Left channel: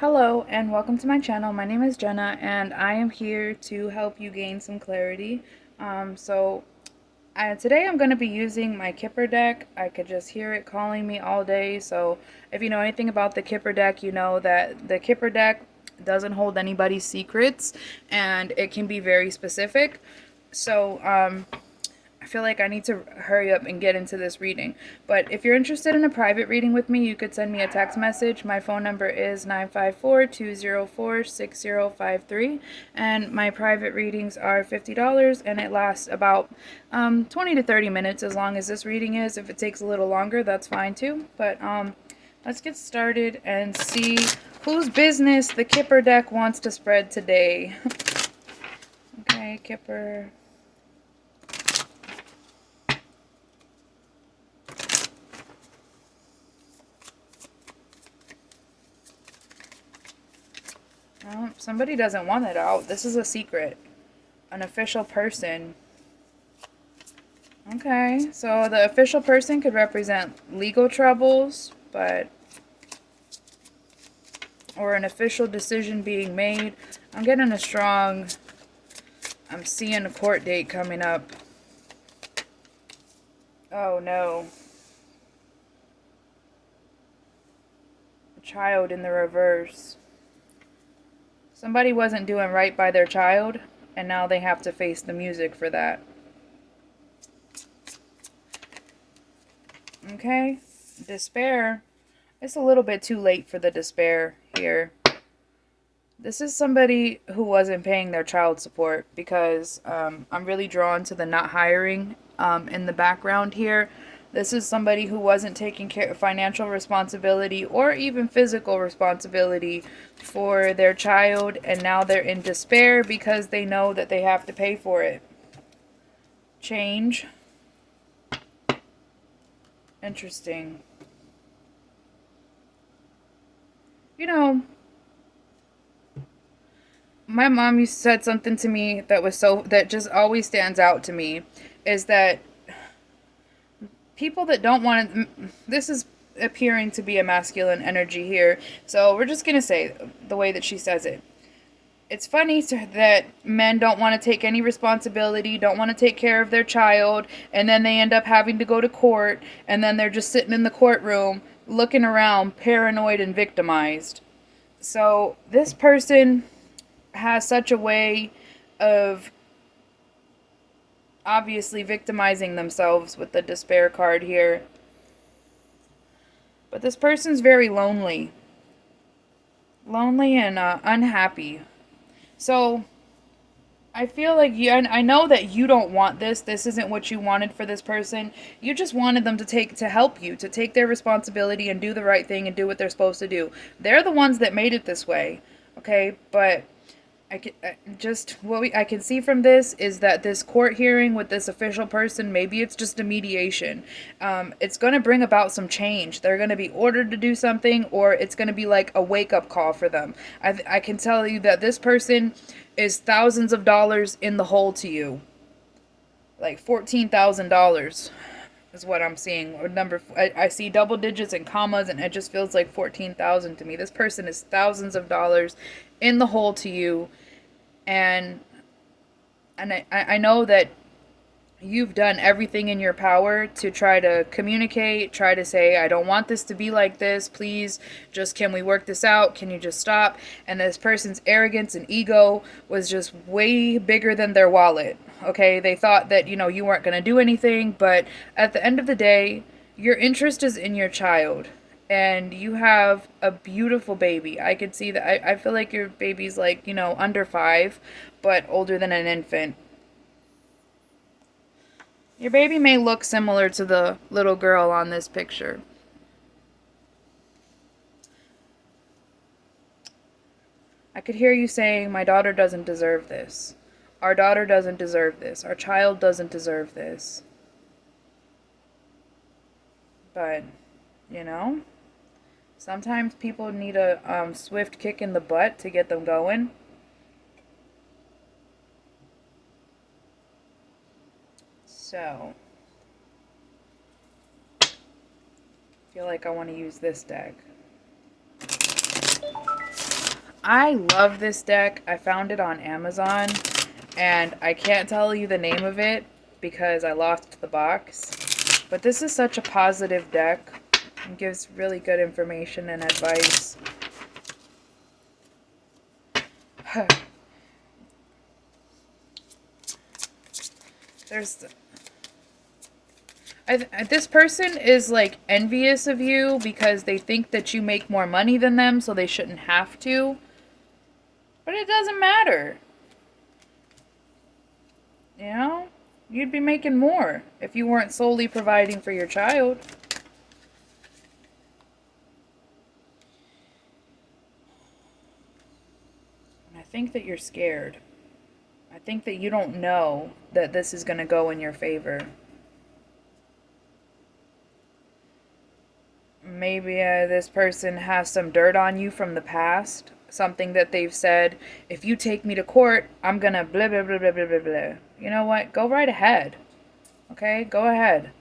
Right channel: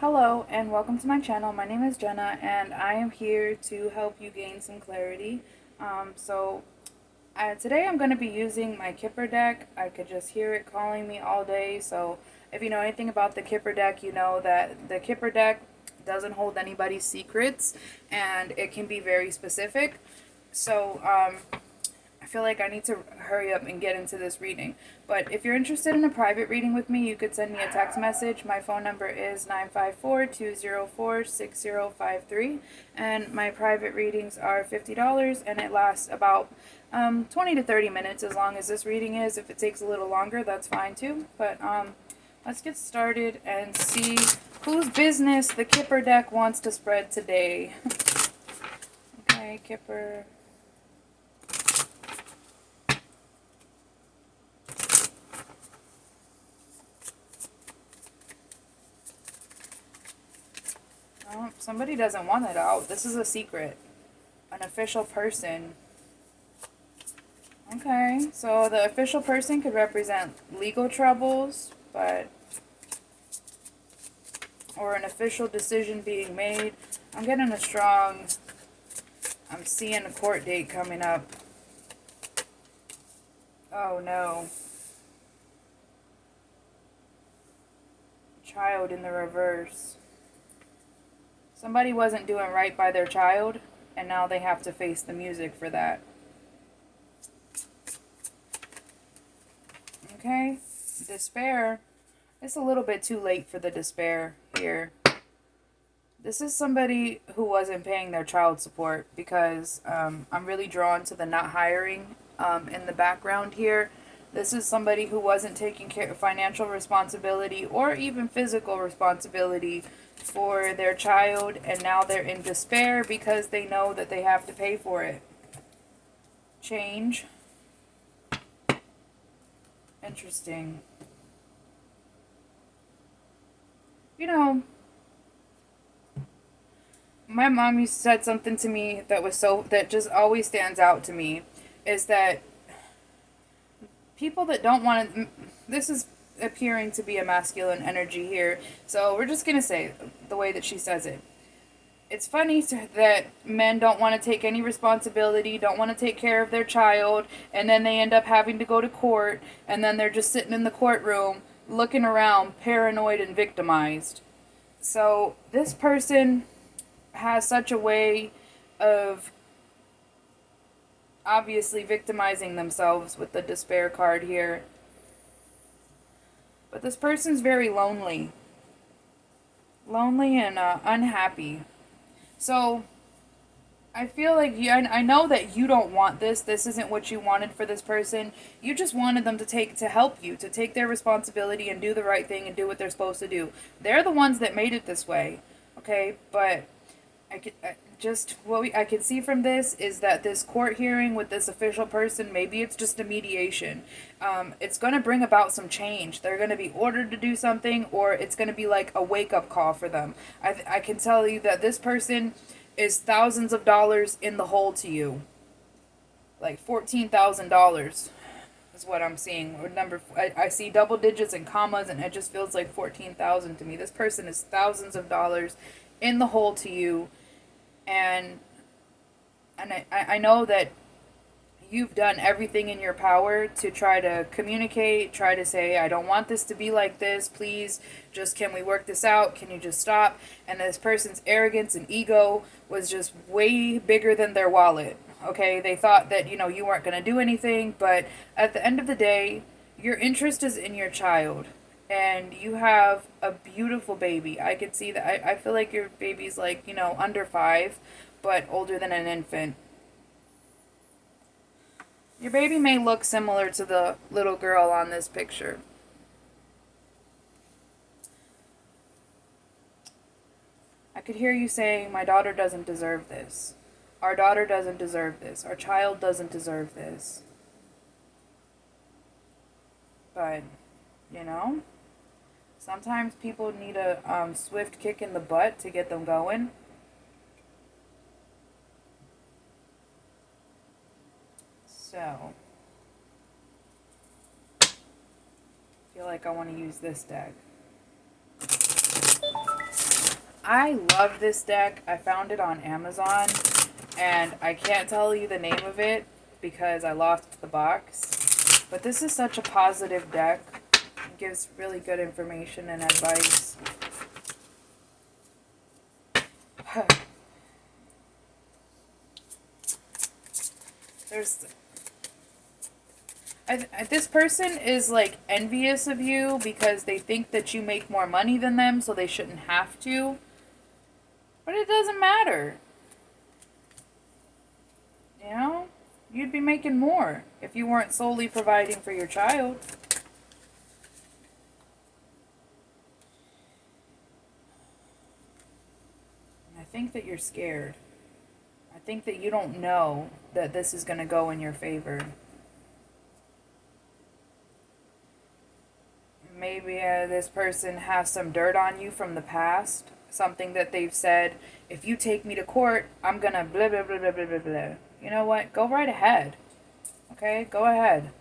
Hello and welcome to my channel. My name is Jenna and I am here to help you gain some clarity. Today I'm going to be using my Kipper deck. I could just hear it calling me all day. So if you know anything about the Kipper deck, you know that the Kipper deck doesn't hold anybody's secrets and it can be very specific. I feel like I need to hurry up and get into this reading. But if you're interested in a private reading with me, you could send me a text message. My phone number is 954-204-6053. And my private readings are $50 and it lasts about 20 to 30 minutes as long as this reading is. If it takes a little longer, that's fine too. But let's get started and see whose business the Kipper deck wants to spread today. Okay, Kipper. Oh, somebody doesn't want it out. This is a secret. An official person. Okay, so the official person could represent legal troubles, or an official decision being made. I'm getting a strong, I'm seeing a court date coming up. Oh no. A child in the reverse. Somebody wasn't doing right by their child, and now they have to face the music for that. Okay, despair. It's a little bit too late for the despair here. This is somebody who wasn't paying their child support because I'm really drawn to the not hiring in the background here. This is somebody who wasn't taking care of financial responsibility or even physical responsibility for their child, and now they're in despair because they know that they have to pay for it. Change. Interesting. You know, my mom said something to me that just always stands out to me, is that people that don't want to, this is appearing to be a masculine energy here, so we're just going to say the way that she says it. It's funny that men don't want to take any responsibility, don't want to take care of their child, and then they end up having to go to court, and then they're just sitting in the courtroom looking around paranoid and victimized. So this person has such a way of obviously victimizing themselves with the despair card here. But this person's very lonely. Lonely and unhappy. So I feel like I know that you don't want this. This isn't what you wanted for this person. You just wanted them to help you, to take their responsibility and do the right thing and do what they're supposed to do. They're the ones that made it this way. Okay? But I can see from this is that this court hearing with this official person, maybe it's just a mediation. It's going to bring about some change. They're going to be ordered to do something, or it's going to be like a wake-up call for them. I can tell you that this person is thousands of dollars in the hole to you. Like $14,000 is what I'm seeing. Or I see double digits and commas, and it just feels like 14,000 to me. This person is thousands of dollars in the hole to you, and I know that you've done everything in your power to try to communicate, try to say, I don't want this to be like this, please, just can we work this out, can you just stop? And this person's arrogance and ego was just way bigger than their wallet. Okay, they thought that, you weren't going to do anything, but at the end of the day, your interest is in your child. And you have a beautiful baby. I could see that. I feel like your baby's like, under 5, but older than an infant. Your baby may look similar to the little girl on this picture. I could hear you saying, my daughter doesn't deserve this. Our daughter doesn't deserve this. Our child doesn't deserve this. But, sometimes people need a swift kick in the butt to get them going. So, I feel like I want to use this deck. I love this deck. I found it on Amazon, and I can't tell you the name of it because I lost the box. But this is such a positive deck. It gives really good information and advice. This person is like envious of you because they think that you make more money than them, so they shouldn't have to. But it doesn't matter. You know? You'd be making more if you weren't solely providing for your child. And I think that you're scared. I think that you don't know that this is going to go in your favor. Maybe this person has some dirt on you from the past. Something that they've said, if you take me to court, I'm gonna blah, blah, blah, blah, blah, blah, blah. You know what? Go right ahead. Okay? Go ahead.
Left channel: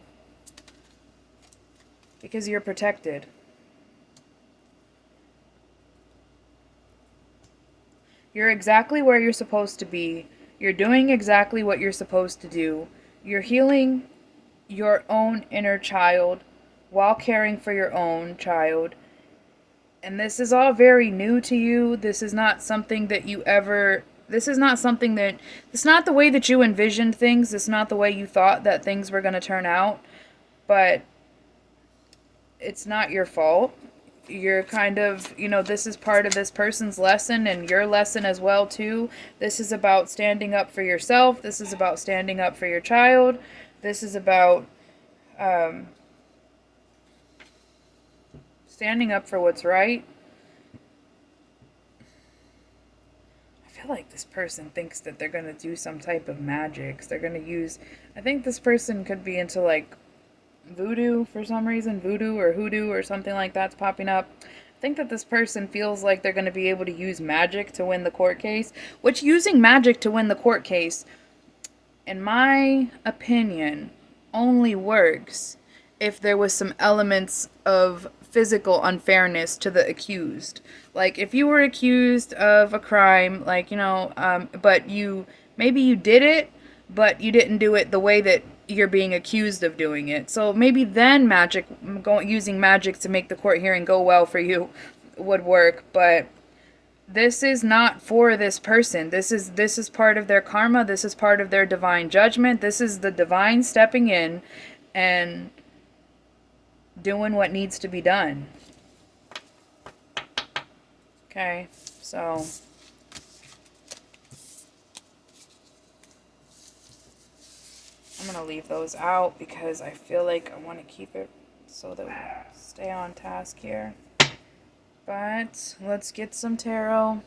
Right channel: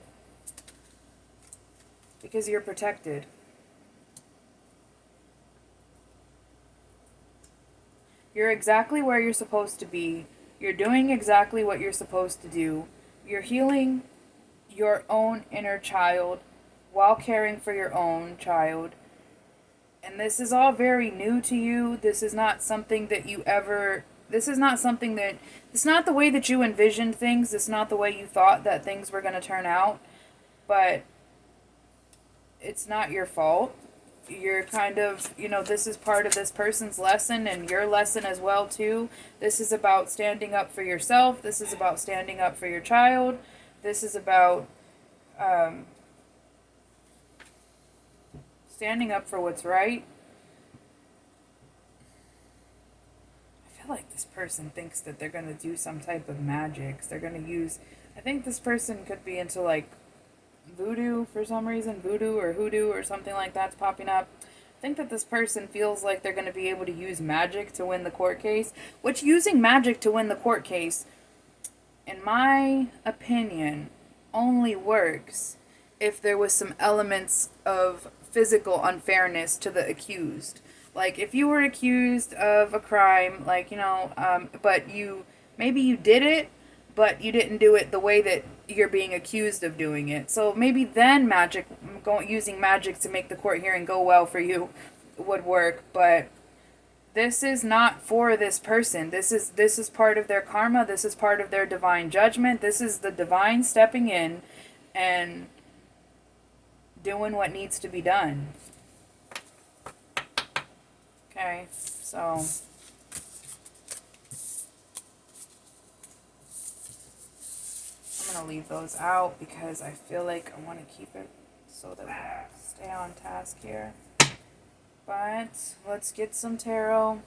Because you're protected. You're exactly where you're supposed to be. You're doing exactly what you're supposed to do. You're healing your own inner child while caring for your own child. And this is all very new to you. This is not something that you ever... This is not something that... It's not the way that you envisioned things. It's not the way you thought that things were going to turn out. But it's not your fault. You're kind of... You know, this is part of this person's lesson and your lesson as well, too. This is about standing up for yourself. This is about standing up for your child. This is about... standing up for what's right. I feel like this person thinks that they're going to do some type of magic. They're going to use... I think this person could be into, like, voodoo for some reason. Voodoo or hoodoo or something like that's popping up. I think that this person feels like they're going to be able to use magic to win the court case. Which, using magic to win the court case, in my opinion, only works if there was some elements of physical unfairness to the accused. Like, if you were accused of a crime, like, you know, but maybe you did it, but you didn't do it the way that you're being accused of doing it. So maybe then using magic to make the court hearing go well for you would work. But this is not for this person. This is part of their karma. This is part of their divine judgment. This is the divine stepping in and doing what needs to be done. Okay, so I'm going to leave those out because I feel like I want to keep it so that we stay on task here. But let's get some tarot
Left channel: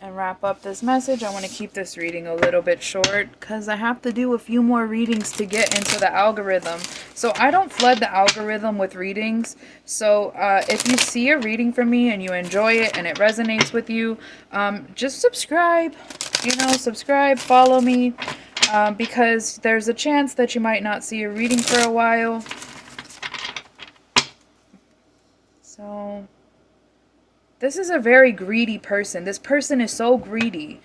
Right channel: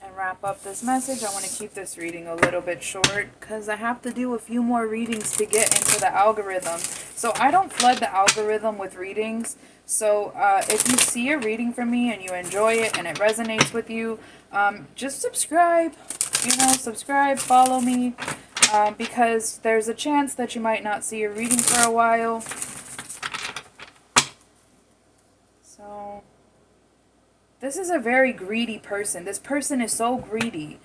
and wrap up this message. I want to keep this reading a little bit short because I have to do a few more readings to get into the algorithm. So I don't flood the algorithm with readings. So if you see a reading from me and you enjoy it and it resonates with you, just subscribe. You know, subscribe, follow me, because there's a chance that you might not see a reading for a while. So... this is a very greedy person. This person is so greedy.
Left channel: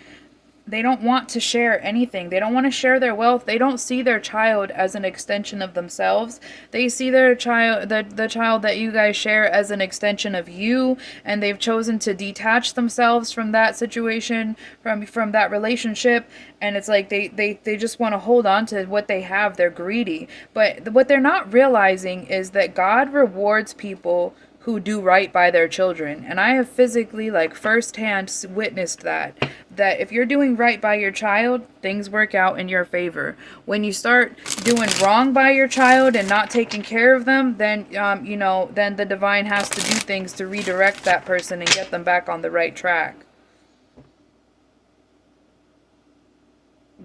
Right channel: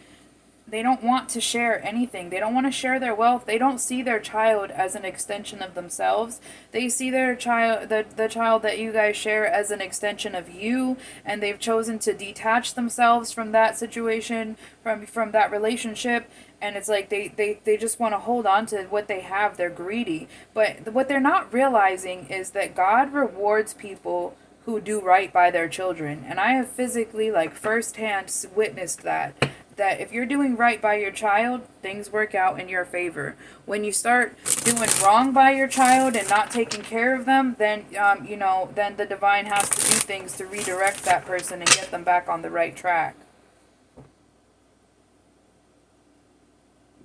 They don't want to share anything. They don't want to share their wealth. They don't see their child as an extension of themselves. They see their child, the child that you guys share, as an extension of you, and they've chosen to detach themselves from that situation, from that relationship, and it's like they just want to hold on to what they have. They're greedy. But what they're not realizing is that God rewards people who do right by their children. And I have physically, like, firsthand witnessed that if you're doing right by your child, things work out in your favor. When you start doing wrong by your child and not taking care of them, then, you know, then the divine has to do things to redirect that person and get them back on the right track.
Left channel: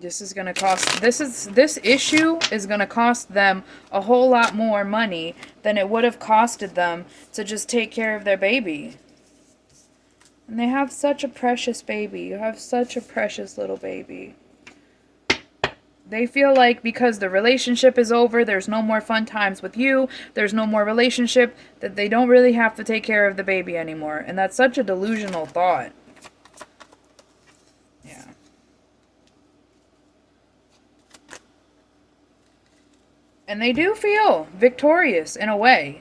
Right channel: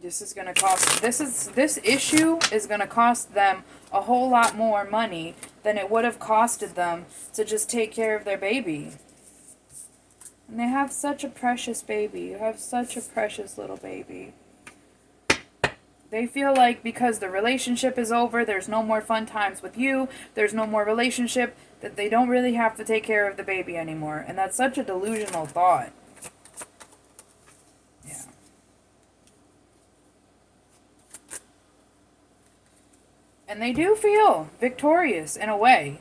This issue is going to cost them a whole lot more money than it would have costed them to just take care of their baby. And they have such a precious baby. You have such a precious little baby. They feel like because the relationship is over, there's no more fun times with you, there's no more relationship, that they don't really have to take care of the baby anymore. And that's such a delusional thought. Yeah. And they do feel victorious in a way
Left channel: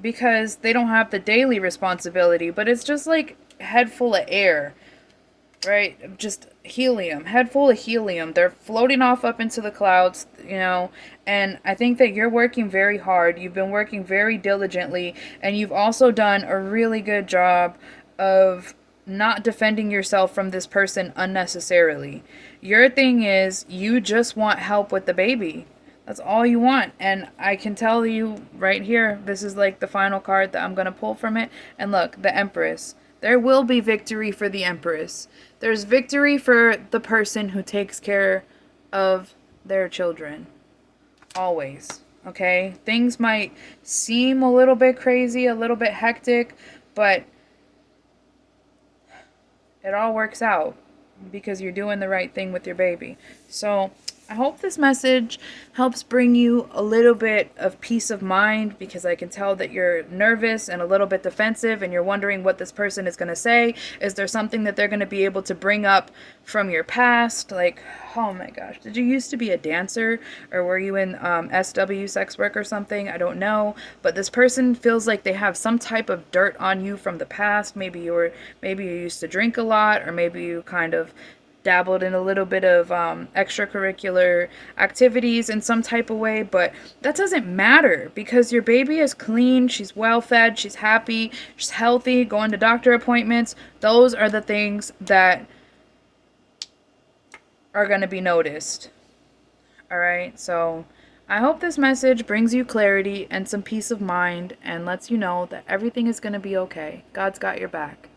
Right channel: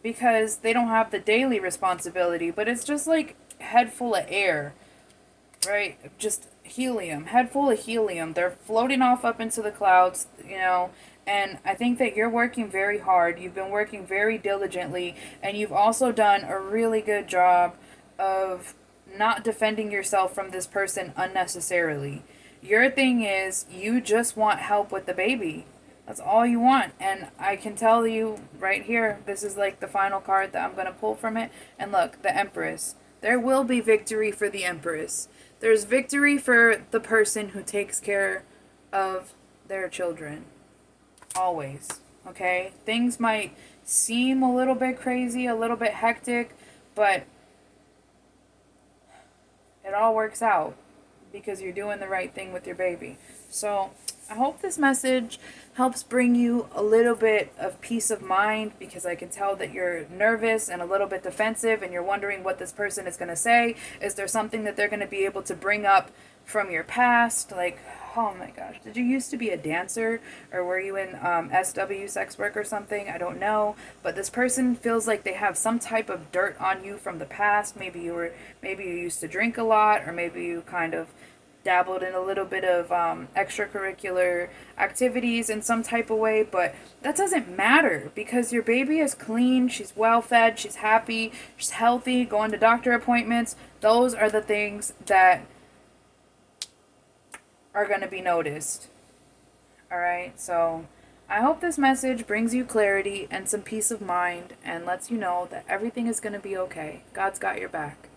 because they don't have the daily responsibility, but it's just like head full of air, right? Just helium, head full of helium. They're floating off up into the clouds, you know. And I think that you're working very hard. You've been working very diligently, and you've also done a really good job of not defending yourself from this person unnecessarily. Your thing is you just want help with the baby. That's all you want. And I can tell you right here, this is like the final card that I'm going to pull from it. And look, the Empress. There will be victory for the Empress. There's victory for the person who takes care of their children. Always. Okay? Things might seem a little bit crazy, a little bit hectic, but it all works out because you're doing the right thing with your baby. So I hope this message helps bring you a little bit of peace of mind, because I can tell that you're nervous and a little bit defensive and you're wondering what this person is going to say. Is there something that they're going to be able to bring up from your past? Like, oh my gosh, did you used to be a dancer, or were you in SW, sex work or something? I don't know, but this person feels like they have some type of dirt on you from the past. Maybe you used to drink a lot, or maybe you kind of dabbled in a little bit of extracurricular activities in some type of way, but that doesn't matter because your baby is clean, she's well fed, she's happy, she's healthy, going to doctor appointments. Those are the things that are going to be noticed. All right, so I hope this message brings you clarity and some peace of mind and lets you know that everything is going to be okay. God's got your back.